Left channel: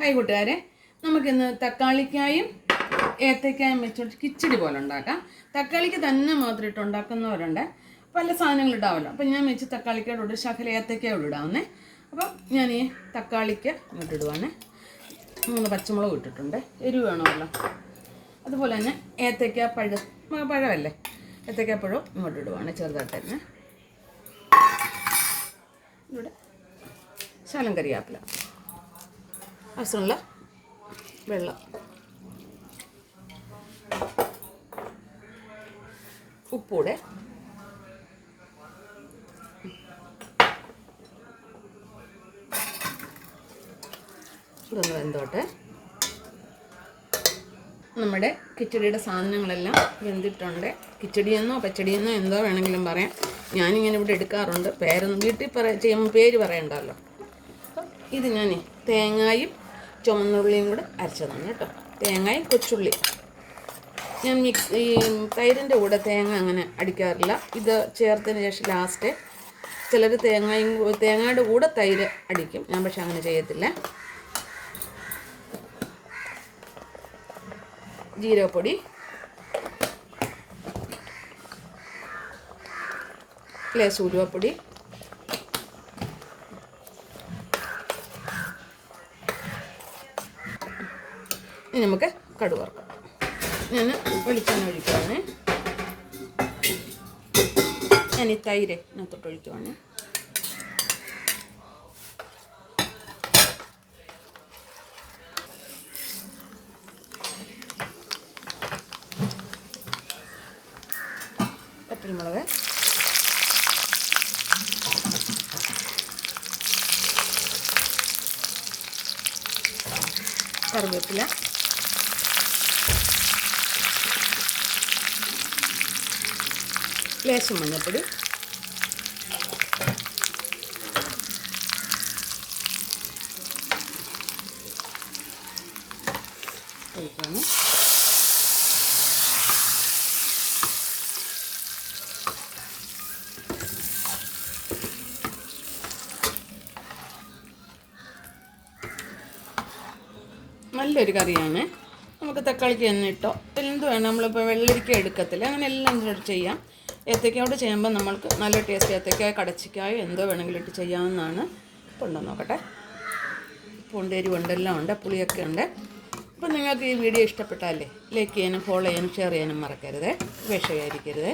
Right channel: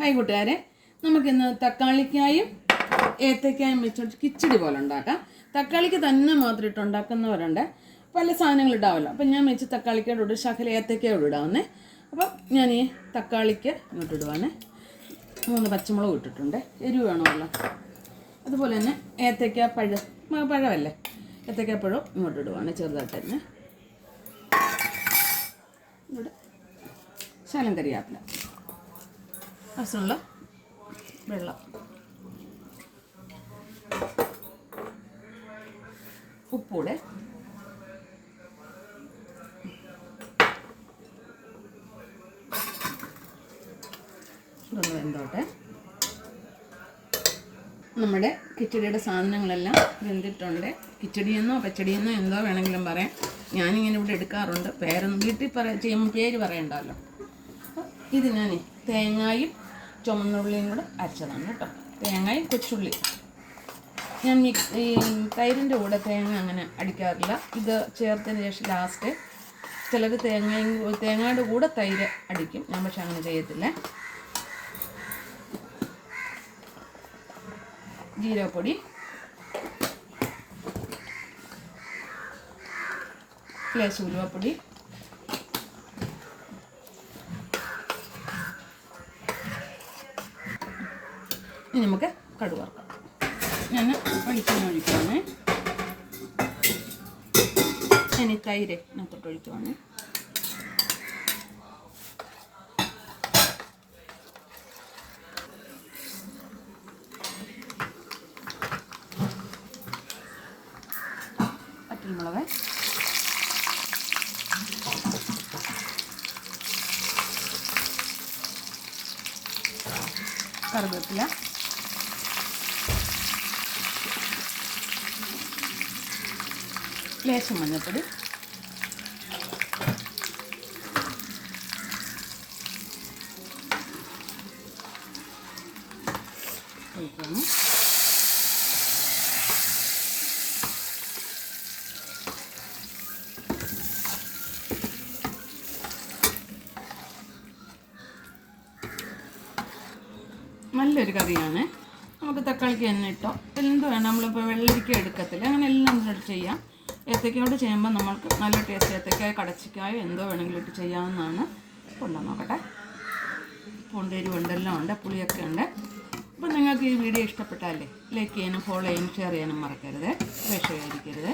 Hi കൂട്ടുകാരെ, നമുക്കിന്ന് തക്കാളിക്കായും ഏത്തക്കായും വെച്ചോട്ട് കിച്ചടി പോലെ ഉണ്ടാക്കാം. തക്കാളിക്ക് തന്നെ മാത്രം ഇട്ട് ഉണ്ടാക്കുന്നവരുണ്ട്, പല സാധനങ്ങൾ ഇടാമല്ലോ. അപ്പം ഞാൻ വെച്ച് തക്കാളിക്കോട് ഇടും, ശകല ഏത്തക്കയോട് ഇടാവുന്നേ. അപ്പം ഞാൻ ഈ തക്കാളിക്ക് ഇട്ടിടുവാണേ. 3 പച്ചമുളക് ഇട്ടിട്ടുണ്ട്, എരിവ് വേണമല്ലോ. അതുപോലെ തന്നെ ഏത്തക്ക പഴമല്ലേ, ഏത്തക്കപ്പഴം ഇങ്ങോട്ട് ഇടുവാണ് ചെറുതായിട്ട് തന്നെ. ഇവിടെ ശകലം കറിവേപ്പില, ആവശ്യമുള്ള വെള്ളം, ഉപ്പൂടെ, ഇതൊന്ന് വെന്തോട്ടെ. നമ്മുടെ കിച്ചടിയുടെ സാധനങ്ങളെല്ലാം വെന്തിട്ടുണ്ട്. കിച്ചടിയെന്നോ പച്ചടിയെന്നോ എന്തോ വേണമെങ്കിലും പറയാം. ഞാനിങ്ങനെ ഇവിടെ എടുക്കാറുണ്ട്. പേരൊന്നും വീട്ടിൽ ചെയ്യുമ്പോൾ പേര് പറയണ്ടല്ലോ. ഇത് ഞാൻ തേങ്ങയും ചുവന്നുള്ളിയും കൂടെ അരച്ചതാണ് കേട്ടോ. തേങ്ങയും കൊച്ചുള്ളി ഞാൻ ഈ തൈരിൻ്റെ കൂടെ തേങ്ങ അങ്ങനെ അടിക്കാറില്ല. ഇത് ചേർത്തതിന് ശേഷം ലാസ്റ്റ് ചിലർ തേങ്ങയുടെ കൂടെ തൈര് അടിക്കും. ഞാൻ പക്ഷെ അങ്ങനെ ചെയ്യത്തില്ല. ജീരകപ്പൊടി, ലേശം ഉലുവപ്പൊടി, ഇനി നമുക്ക് കടുക് വറുക്കാം. ഞാൻ വെളിച്ചെണ്ണ ഒഴിക്കുവാണ്. ഞാൻ ഈ തൈര് ഇതിനകത്തോട്ട് ഒഴിക്കുവാണ്. പച്ചമുളക്, കറിവേപ്പില, ലേശം മഞ്ഞൾപ്പൊടി, ഒഴിക്കണം. നല്ലൊരു കറിയാണ്. നമുക്ക് തക്കാളിക്ക് തന്നെ ഇട്ടോ എന്ത് വേണം, നമ്മളിപ്പോൾ വെള്ളരിക്ക എടുക്കത്തില്ല, അങ്ങനെ എല്ലാം ചെയ്യാം. ഏത്തക്കയോട് ചെയ്യുമ്പോൾ നമ്മൾക്ക് നല്ല ടേസ്റ്റ്. ഏത്തക്കായ കടച്ചിക്കായോ എന്തോ വേണമെങ്കിലും ഇട്ട് ചെയ്യാവുന്നതാണ്. കൊണ്ടു നോക്കട്ടെ. പൂണ്ടേരി എല്ലാം ഉണ്ട്, പുളിയൊക്കെ ഉണ്ട്. അപ്പം നിങ്ങൾക്ക് ഈ വീഡിയോ ഇഷ്ടപ്പെട്ടാലേ ലൈക്ക് ചെയ്യാനും ഫോളോ ചെയ്യാനും ഷെയർ ചെയ്യാനും മറക്കരുത്, വിഷയായിരിക്കരുത്.